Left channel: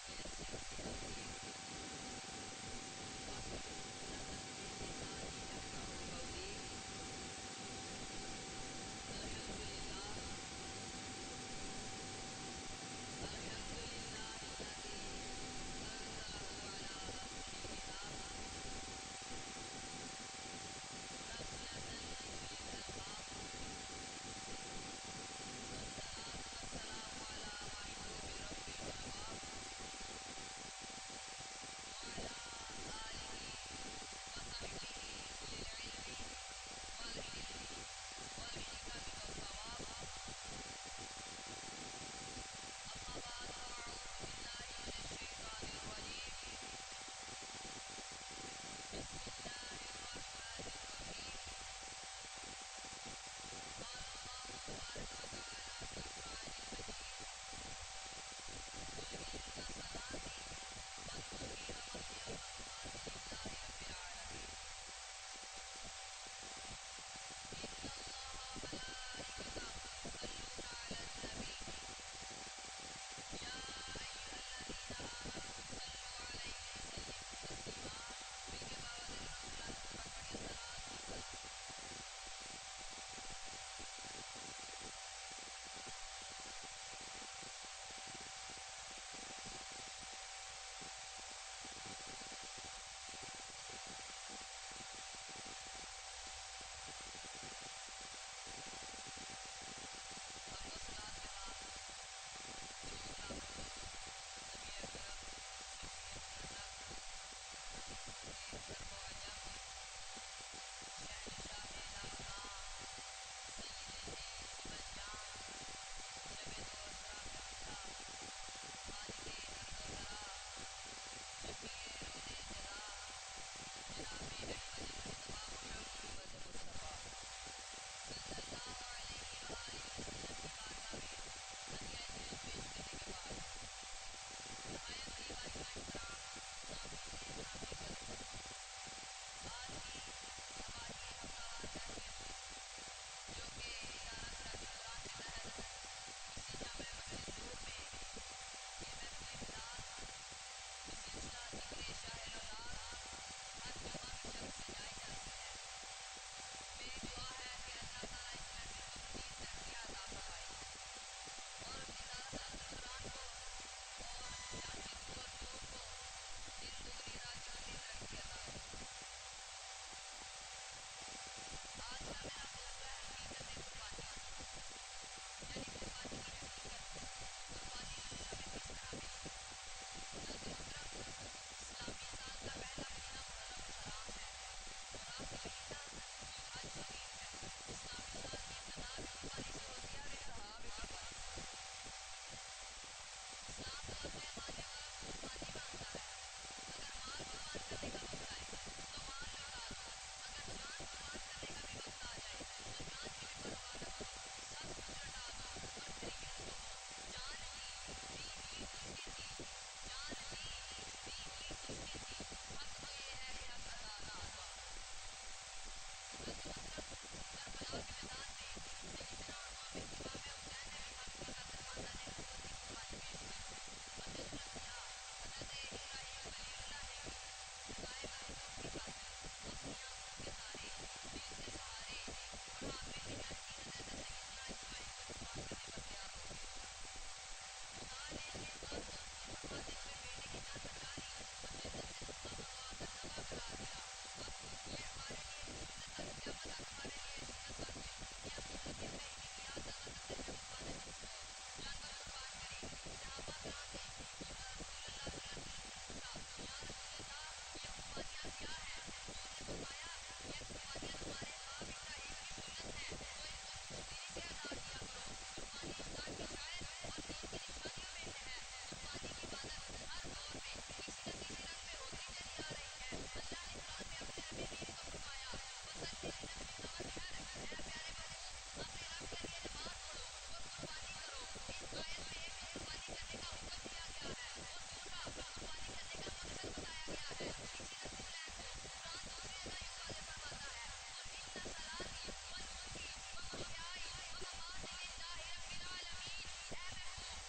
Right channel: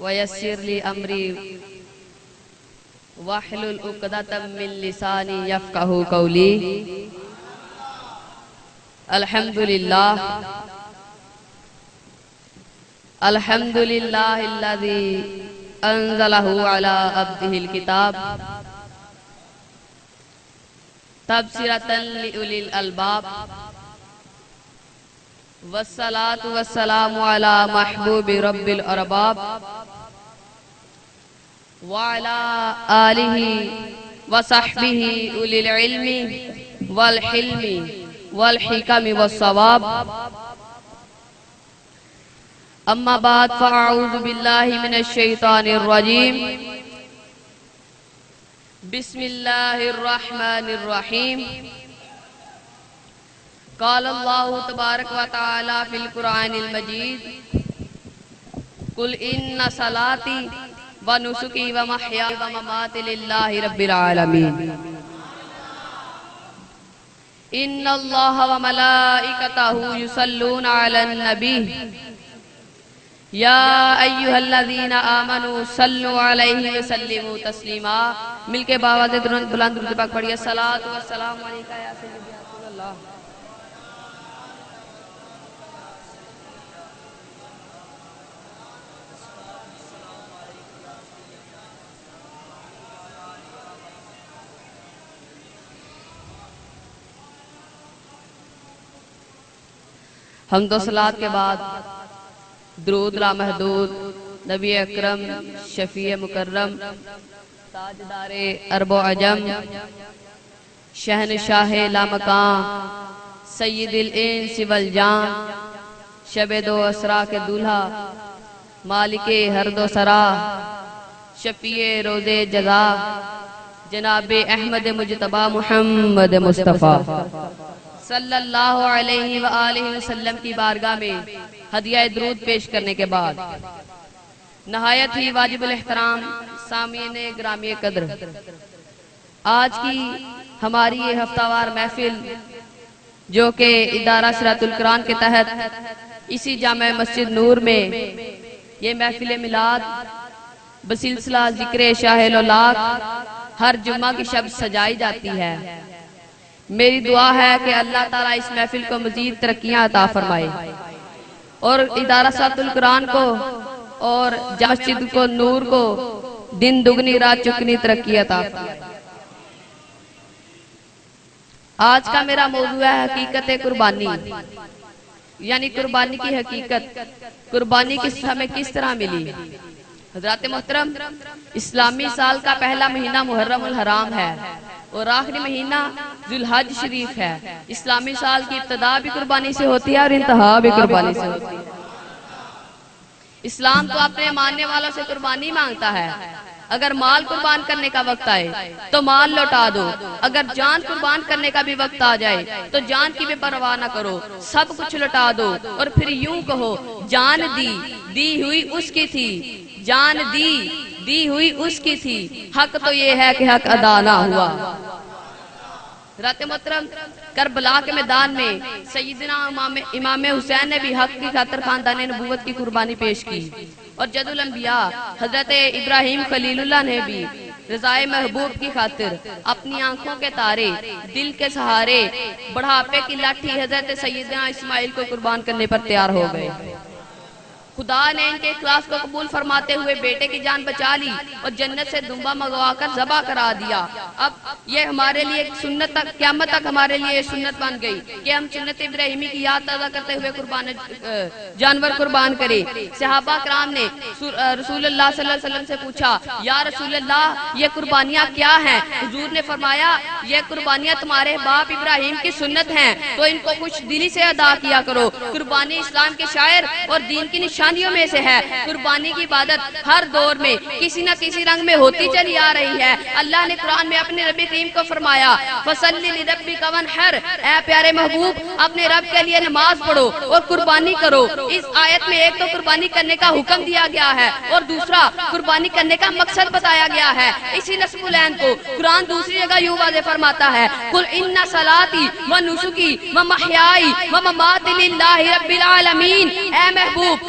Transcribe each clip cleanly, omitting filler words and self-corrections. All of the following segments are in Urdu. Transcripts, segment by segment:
ويسر لي أمري واحلل عقدة من لساني يفقهوا قولي. الحمد لله الحمد لله الذي أنزله على عبده الكتاب تبصرة لأولي الألباب. والصلاة والسلام على محبوب رب الأرباب وعلى آله وصحبه أولي العلم والحلم والحكم والصواب. أما بعد فأعوذ بالله من الشيطان الرجيم. بسم الله الرحمن الرحيم. قال الله تبارك وتعالى في القرآن المجيد: قل إن صلاتي ونسكي ومحياي ومماتي لله رب العالمين. إن الله وملائكته يصلون على النبي يا أيها الذين آمنوا صلوا عليه وسلموا تسلیما. مل کے باوازِ بلند درود پاک پڑھیے. الصلاۃ والسلام علیکہ یا سیدی یا رسول اللہ. حمد و صلاۃ کے بعد درود لامحدود نبی اکرم شفیع مکرم تاجدار عرب و عجم شہنشاہ لامکان سید الانس والجان شب دو اسرا کے دولہا مالک ہر دو سرا شفیع روز جزا جناب احمد مجتبی محمد مصطفیٰ صلی اللہ علیہ وآلہ وسلم کی بارگاہ میں ہدیہ درود پیش کرنے کے بعد نہایت ہی واجب الاحترام سامعین گرامی قدر، آج کی ہماری یہ ہفتہ وار محفل جو کہ ادارہ سرات القرآن کے تحت اسی جامع مسجد نور میں یہ محفل میلاد بسلسلہ ذکر شاہ الاولاق ہر جمعہ کی شب سجائی جاتی ہے. میری دعا ہے کہ اللہ تعالیٰ اس محفل کو مزید ترقیاں عطا فرمائے اور ادارہ سرات القرآن کو اور جامع مسجد کو نور کو دن دگنی رات چکنی ترقی عطا فرمائے. آج کا میرا موضوع ہے حقیقت قربانی، یعنی قربانی کی حقیقت. قربانی ہمیں کس طرح ملی؟ حضرات محترم، اسلامی سال کا پہلا مہینہ محرم الحرام ہے اور آخری مہینہ ذوالحج شریف ہے. اسلامی سال کی ابتدا بھی قربانی سے ہوتی ہے اور انتہا بھی قربانی سے ہوتی ہے. اسلام تو اپنے ماننے والوں سے قربانی مانگتا ہے. اگر مال قربان کرنے کا وقت آئے تو مال لوٹا دو، اگر جان قربان کرنے کا بھی وقت آ جائے تو جان کی بھی پرواہ نہ کرو، سب کچھ لوٹا دو اور پھر یوں کہو جان دی ہوئی اس کی تھی، جان دی ہوئی اس کی تھی، حق تو یہ ہے کہ حق ادا نہ ہوا. حضرات محترم، کربلا کے میدان میں سیدنا امام حسین نے بھی حق کی خاطر خاندان نبوت کی قربانی پیش کی اور جد الانبیاء حضرت ابراہیم خلیل اللہ نے بھی رضائے محبوب کی خاطر اپنی آنکھوں کے تارے، دل کے سہارے، بڑھاپے کی لاٹھی حضرت سیدنا اسماعیل کو قربان کرنے پر تیار ہو گئے. خدا نے ان کے اخلاص کو قبول فرماتے ہوئے بیٹے کی جان بچا لی اور جنت سے دمبا منگوا کر ذبح کرا دیا. اب یہ ہمارے لیے سنت تک، قیامت تک ہمارے لیے سنت بن گئی کہ ہم سنت ابراہیمی کی یاد تازہ کرتے ہوئے جانور قربان کریں. صحابہ کرام نے رسول اللہ صلی اللہ علیہ وسلم سے پوچھا، یا رسول اللہ یہ قربانیاں کیا ہیں؟ حضور نے فرمایا یہ قربانیاں تمہارے باپ ابراہیم کی سنت ہیں تو ان کو خوش دلی سے ادا کیا کرو. قربانی اسلام کے شاعر اور دین کی نشانیوں میں سے ہے. قربانی کی عبادت ہر دور میں کسی نہ کسی رنگ میں ہوتی چلی آ رہی ہے. اللہ نے قرآن میں اپنے رب کریم کو فرمایا فَصَلِّ لِرَبِّكَ وَانْحَرْ، اے پیارے محبوب اپنے رب کے لیے نماز پڑھو اور قربانی کرو. اس آیت میں ایک تو قربانی کرنے کا حکم دیا گیا ہے اور دوسرا قربانی کرنے کا مقصد بتایا گیا ہے. اسی نصب العین کو قرآن دوسری جگہ یوں واضح فرماتا ہے قُلْ إِنَّ صَلَاتِي وَنُسُكِي وَمَحْيَايَ وَمَمَاتِي لِلَّهِ رَبِّ الْعَالَمِينَ. اے محبوب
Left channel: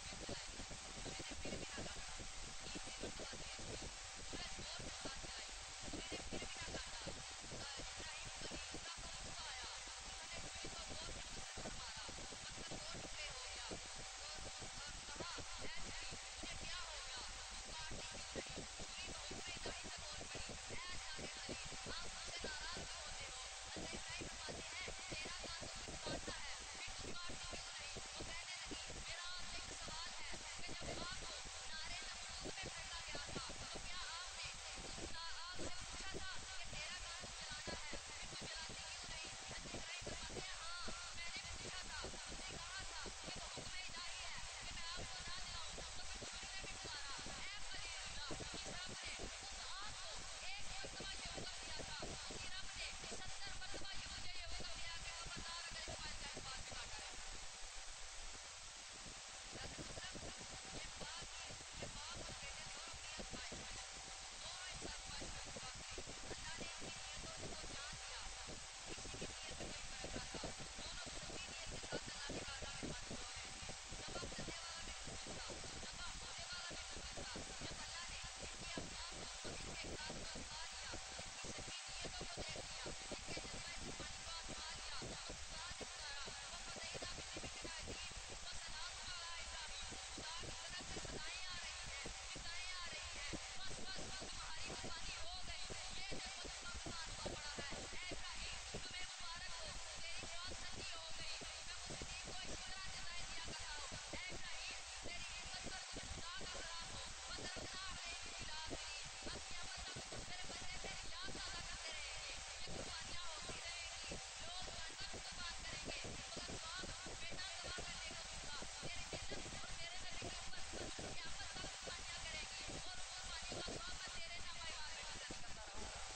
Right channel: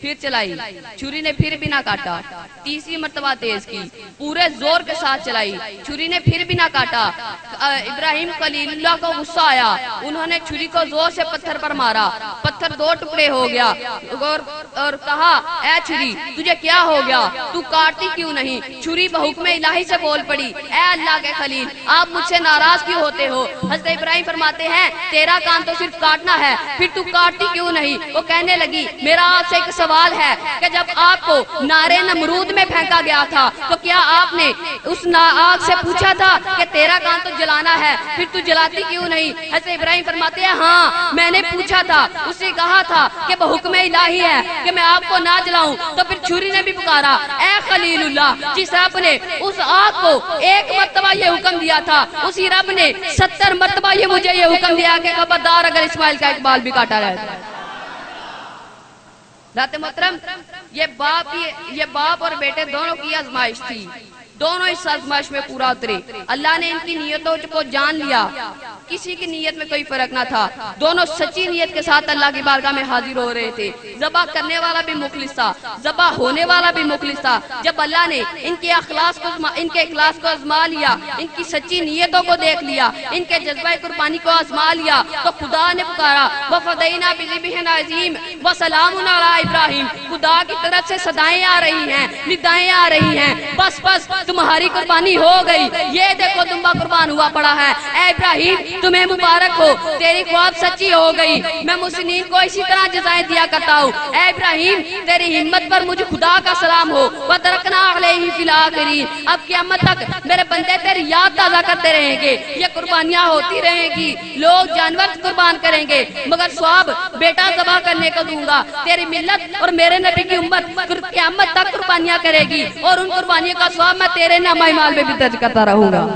پھر چلائی، چھری نے پھر بھی نہ کاٹا، تیسری مرتبہ تیز کی، پورے زور کے ساتھ چلائی، چھری نے پھر بھی نہ کاٹا۔ ابراہیم خلیل اللہ کو غصہ آیا، انہوں نے چھری کو زور سے پتھر پر مارا، پتھر دو ٹکڑے ہو گیا اور کہا اے چھری تجھے کیا ہو گیا، تو کاٹتی کیوں نہیں؟ چھری بحکم الہی سے بول پڑی اے اللہ کے خلیل آپ مجھ سے ناراض کیوں ہوتے ہو؟ حضرت ابراہیم فرماتے ہیں تیرا کام تو صرف کاٹنا ہے، پھر تو کاٹتی کیوں نہیں؟ وہ کہنے لگی میرا آپ سے ایک سوال ہے کہ جب آپ کو نارے نمرود میں پھینکا گیا تھا تو کیا آپ نے اس آگ سے پوچھا تھا کہ تیرا کام تو جلانا ہے، پھر تو جلاتی کیوں نہیں؟ حضرت ابراہیم فرماتے ہیں ہاں میں نے پوچھا تھا، اس سے کہا تھا کہ بحکم الہی ہے کہ میں آپ کو نہ جلاؤں۔ تو پھر چھری نے بھی پکارا اے خلیل اللہ، جس رب نے اس آگ کو ایک مرتبہ یہ حکم دیا تھا اسی رب نے 70 مرتبہ یہ مجھے یہ حکم دیا کہ خبردار اگر اسماعیل کا اقبال بھی کاٹا رہے۔ ذات محترم یہ باپ اور بیٹے دونوں کی آزمائش تھی، دونوں اس آزمائش میں پورا اترے۔ اللہ نے ان کی نیتوں کو جان لیا، کسی کی نیت میں کوئی فرق نہ تھا، دونوں سچی نیت کے ساتھ اللہ کی بارگاہ میں حاضر ہو رہے تھے۔ ذبح کرنے والا بھی مخلص تھا، ذبح ہونے والا بھی مخلص تھا۔ جب اللہ نے ان کے اخلاص کو آزما لیا، ان کی سچی نیتوں کو دیکھ لیا، ان کے جذبہ قربانی کو آزما لیا، تو خدا نے پکارا وَفَدَيْنَا بِذِبْحٍ عَظِيمٍ وَسَلَامٌ عَلَىٰ إِبْرَاهِيمَ۔ خدا کی طرف سے صدائیں آ رہی ہیں، ندائیں آ رہی ہیں، بس تمہاری قربانی ہو گئی، یہ دیکھو دمبا قربان ہوا پڑا ہے۔ اے ابراہیم تمہیں مبارک ہو، تیری خواب سچی ہو گئی، میں مسلمین کو اسی طرح جزائیں دیا کرتا ہوں۔ اے ابراہیم تیری ہمت پر مجھے خدا کا سلام ہو، وَتَرَكْنَا عَلَيْهِ فِي الْآخِرِينَ۔ اب قیامت تک میرے بندے تیری یاد تازہ کرتے رہیں گے، یہ قربانیاں ہوتی رہیں گی، لوگ جانور قربان کریں گے مگر ثواب بیٹا ذبح کرنے کو دوں گا۔ تیری ملت اور میرے نبی کی امت قیامت تک قربانیاں کرے گی اور ان قربانیوں کا ثواب میں تیرے نامہ اعمال میں بھی درج کرتا رہوں گا۔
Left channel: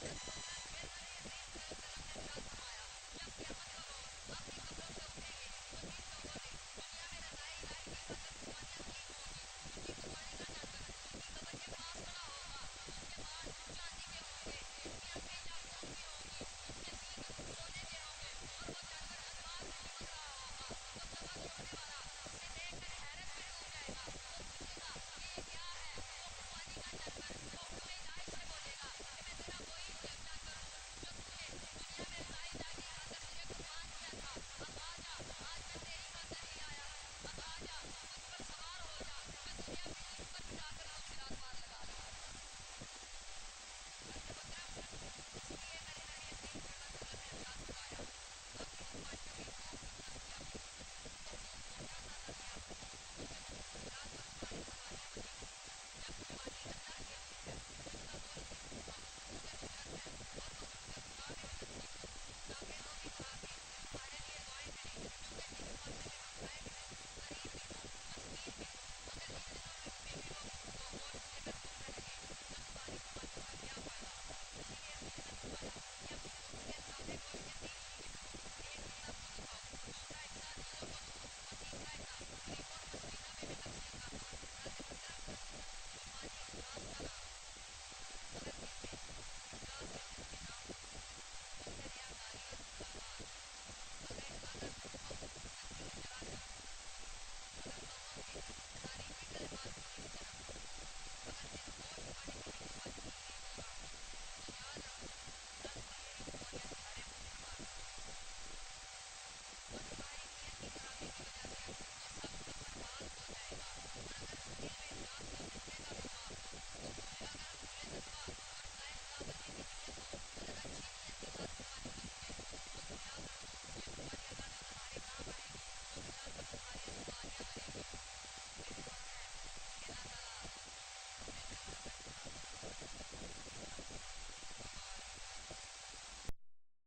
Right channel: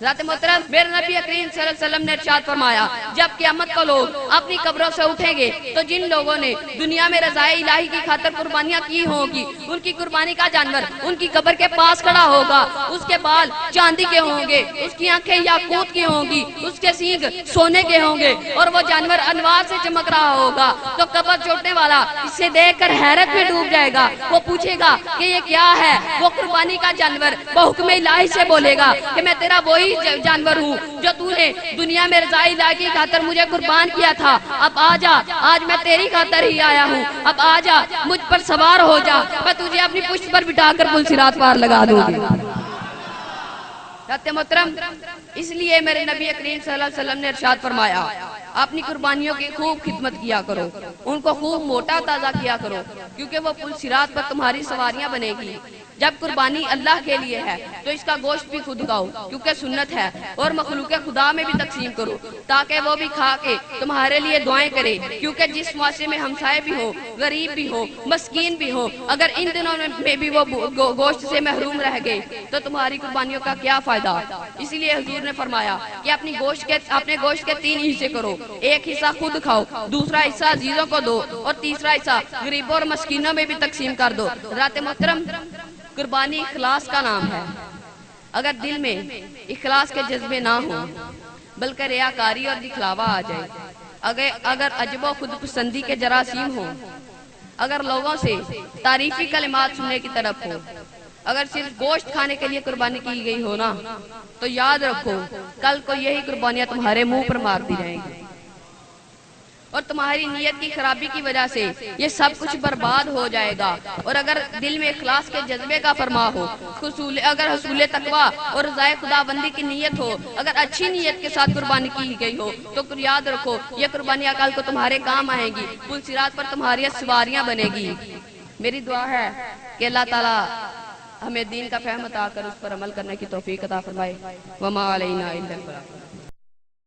ذات محترم میرے نبی کریم صلی اللہ علیہ وسلم نے ارشاد فرمایا جب قیامت کو لوگ اپنی قبروں سے اٹھیں گے تو جن لوگوں نے دنیا میں رضائے الہی کی خاطر قربانیاں کی ہوں گی، ان کی قربانی کا جانور ان کی قبر کے پاس کھڑا ہوگا، اس کے بال چاندی کے ہوں گے، اس کی آنکھیں یاقوت کی ہوں گی، اس کے سینگ سونے کے ہوں گے اور وہ جانور انوار سے چمک رہا ہوگا۔ تو قبر چوٹنے والا اسے دیکھ کر حیرت میں ڈوب جائے گا، وہ پوچھے گا کہ یہ کیا ہے؟ وہ قربانی کا جانور بحکم الہی سے بولے گا کہ میں تیرا وہی جانور ہوں جو تو نے دنیا میں رضائے الہی کی خاطر مجھے قربان کیا تھا، اب آجا، آج میں تیری خاطر ہی آیا ہوں، اب آجا مجھ پر سوار ہو جا، میں تجھے اپنی پشت پر بٹھا کر پل صراط پار لگا دوں گی۔ محترم اس لیے میرے نبی کریم صلی اللہ علیہ وسلم نے ارشاد فرمایا اپنی قربانیوں کی خوب خدمت کیا کرو، ان کو خوب موٹا تازہ کیا کرو، کیونکہ وہ پل صراط پر تمہاری سواریاں بنے گی۔ جب قربانی اللہ کے لیے ہے تو اس کا گوشت بھی خود کھاؤ کیونکہ سنت ہے، اور مخلوق خدا میں بھی تقسیم کرو تاکہ وہ بھی کھا کے تمہارے لیے دعائیں کرے، کیونکہ جس معاشرے میں ہمسائے بھی ہو، غریب بھی ہو، مسکین بھی ہو، اگر ان دنوں میں بھی وہ گوشت سے محروم رہ گئے تو تمہاری قربانیوں کا کیا فائدہ؟ اسی لیے حضور نے فرمایا کہ اپنے گوشت کے 3 حصے کرو، ایک حصہ خود کھاؤ، دوسرا حصہ عزیزوں کو دو اور تیسرا حصہ غریبوں اور مسکینوں میں بھی تقسیم کر دو۔ حضرات محترم قربانی اخلاص کا نام ہے، اگر دل میں اخلاص کے جذبے نہ ہوں بلکہ ریاکاری اور دکھلاوا آ جائے، اگر عجب و خود پسندی کے جراثیم ہوں، اگر لوگوں سے تعریفی کلمات سننے کی طرف ہو، اگر صرف گوشت کھانے کے لیے قربانی کی گئی ہو نا تو یاد رکھو کل کو یہی قربانیاں تمہارے منہ پر مارتی رہیں گی اور تمہاری نیت کی خرابی کی وجہ سے یہ سب کچھ برباد ہو جائے گا۔ اور اگر دل میں اخلاص کے جذبے کا فرما ہو، اگر حصول تقویٰ اور رضائے خدا بندی کی نیت ہو، اگر اچھی نیت کے ساتھ قربانی کی گئی ہو تو یاد رکھو یہ قربانیاں کل کو تمہارے کام آئیں گی، پل صراط پر تمہاری سواریاں بنے گی۔ میری دعا ہے کہ اللہ تعالیٰ ہمیں دین کا فہم عطا کر اس پر عمل کرنے کی توفیق عطا فرمائے۔ وما علینا الا البلاغ۔